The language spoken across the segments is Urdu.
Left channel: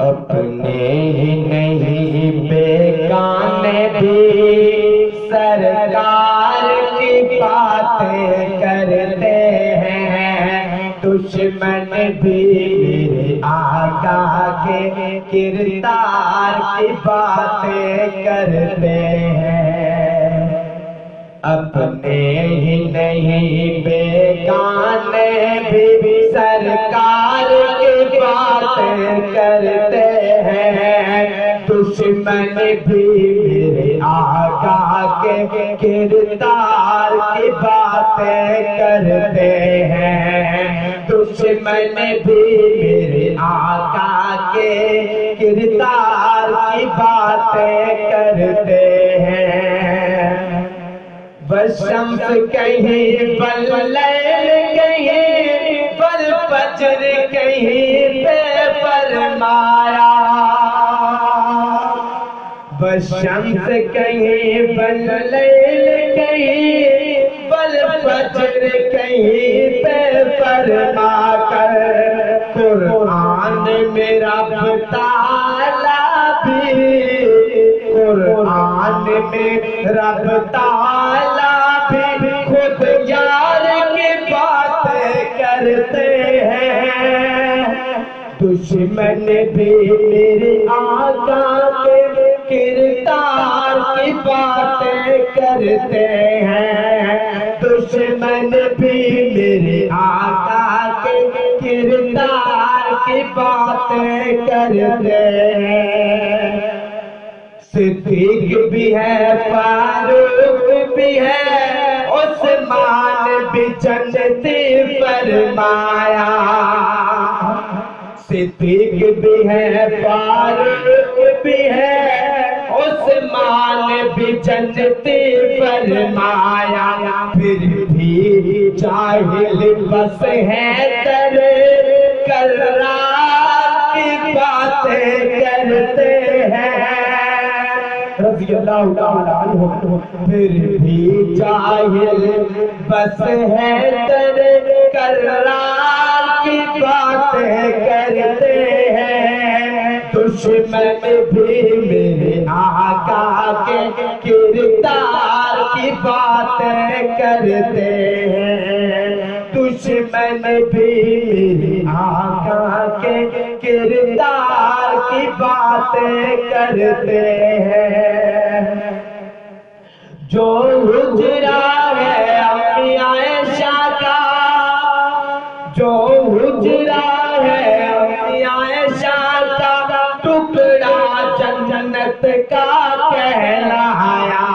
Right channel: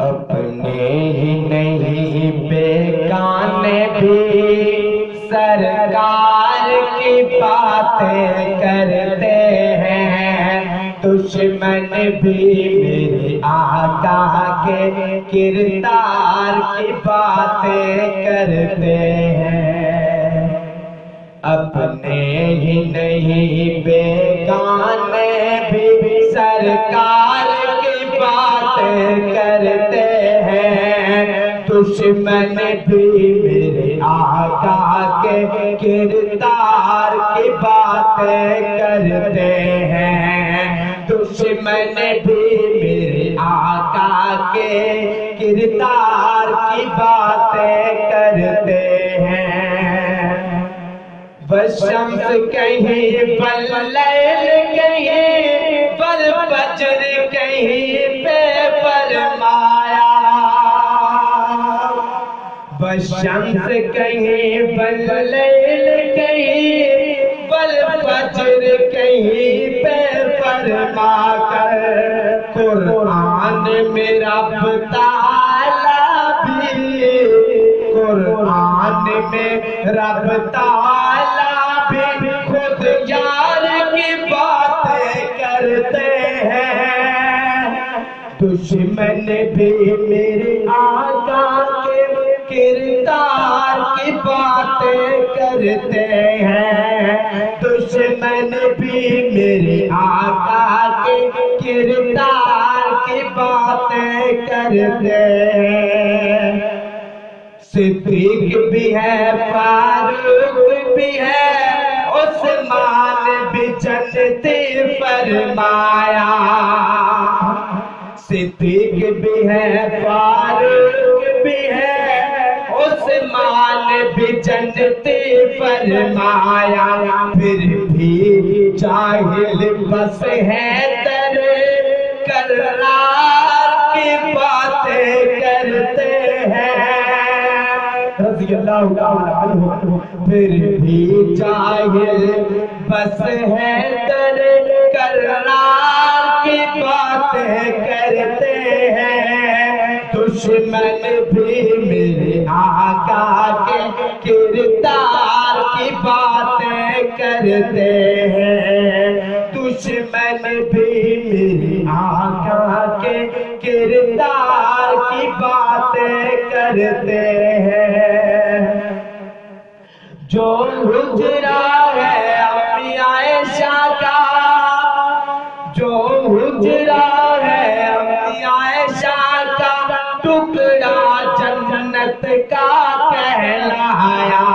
اپنے ہی نہیں بیگانے بھی سرکار کی باتیں کرتے ہیں، دشمن بھی میرے آقا کے کردار کی باتیں کرتے ہیں۔ اپنے ہی نہیں بیگانے بھی سرکار کی باتیں کرتے ہیں، دشمن بھی میرے آقا کے کردار کی باتیں کرتے ہیں، دشمن بھی میرے آقا کے کردار کی باتیں کرتے ہیں۔ والشمس کہیں واللیل کہیں والفجر کہیں پہ فرمایا، والشمس کہیں واللیل کہیں والفجر کہیں پہ فرما کر، قرآن میں رب تعالیٰ بھی، قرآن میں رب تعالیٰ بھی خود یار کی باتیں کرتے ہیں، دشمن بھی میرے آقا کے کردار کی باتیں کرتے ہیں، دشمن بھی میرے آقا کے کردار کی باتیں کرتے ہیں۔ صدیق بھی ہے، فاروق بھی ہے، عثمان بھی جنتی فرمایا، صدیق بھی ہے، فاروق بھی ہے، عثمان بھی جنتی فرمایا، پھر بھی جاہل بس ہے در کرار کی باتیں کرتے ہیں، رضی اللہ تعالیٰ عنہ، پھر بھی جاہل بس ہے در کرار کی باتیں کرتے ہیں، دشمن بھی میرے آقا کے کردار کی باتیں کرتے ہیں، دشمن بھی میرے آقا کے کردار کی باتیں کرتے ہیں۔ جو حجرہ ہے انبیاء عائشہ کا، جو حجرہ ہے انبیاء عائشہ کا، ٹکڑا جنت کا کہلایا،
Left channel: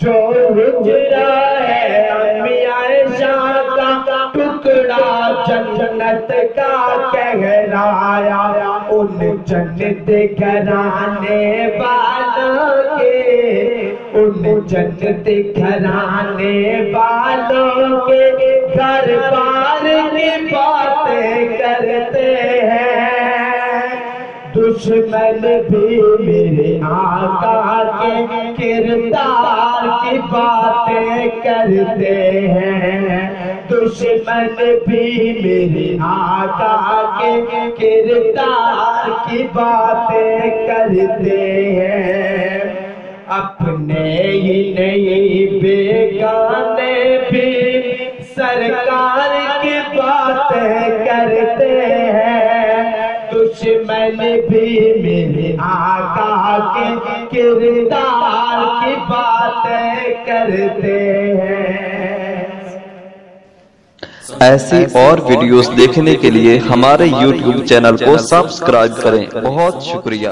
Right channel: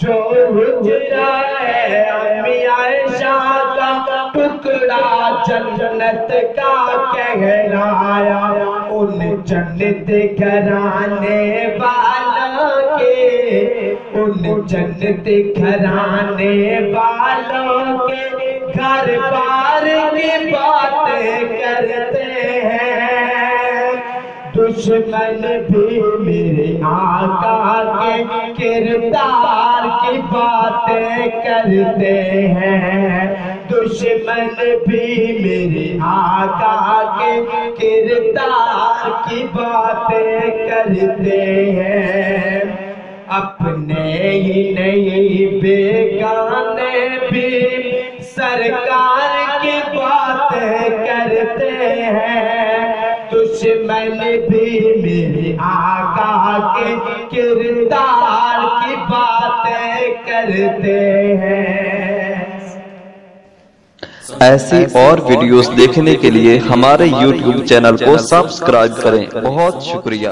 جو حجرہ ہے انبیاء عائشہ کا، ٹکڑا جنت کا کہلایا، ان جنت گھرانے والوں کے، ان جنت گھرانے والوں کے گھر بار کی باتیں کرتے ہیں، دشمن بھی میرے آقا کے کردار کی باتیں کرتے ہیں، دشمن بھی میرے آقا کے کردار کی باتیں کرتے ہیں۔ اپنے ہی نہیں بیگانے بھی سرکار کی باتیں کرتے ہیں، دشمن بھی میرے آقا کے کردار کی باتیں کرتے ہیں۔ ایسی اور ویڈیوز دیکھنے کے لیے ہمارے YouTube چینل کو سبسکرائب کریں۔ بہت شکریہ۔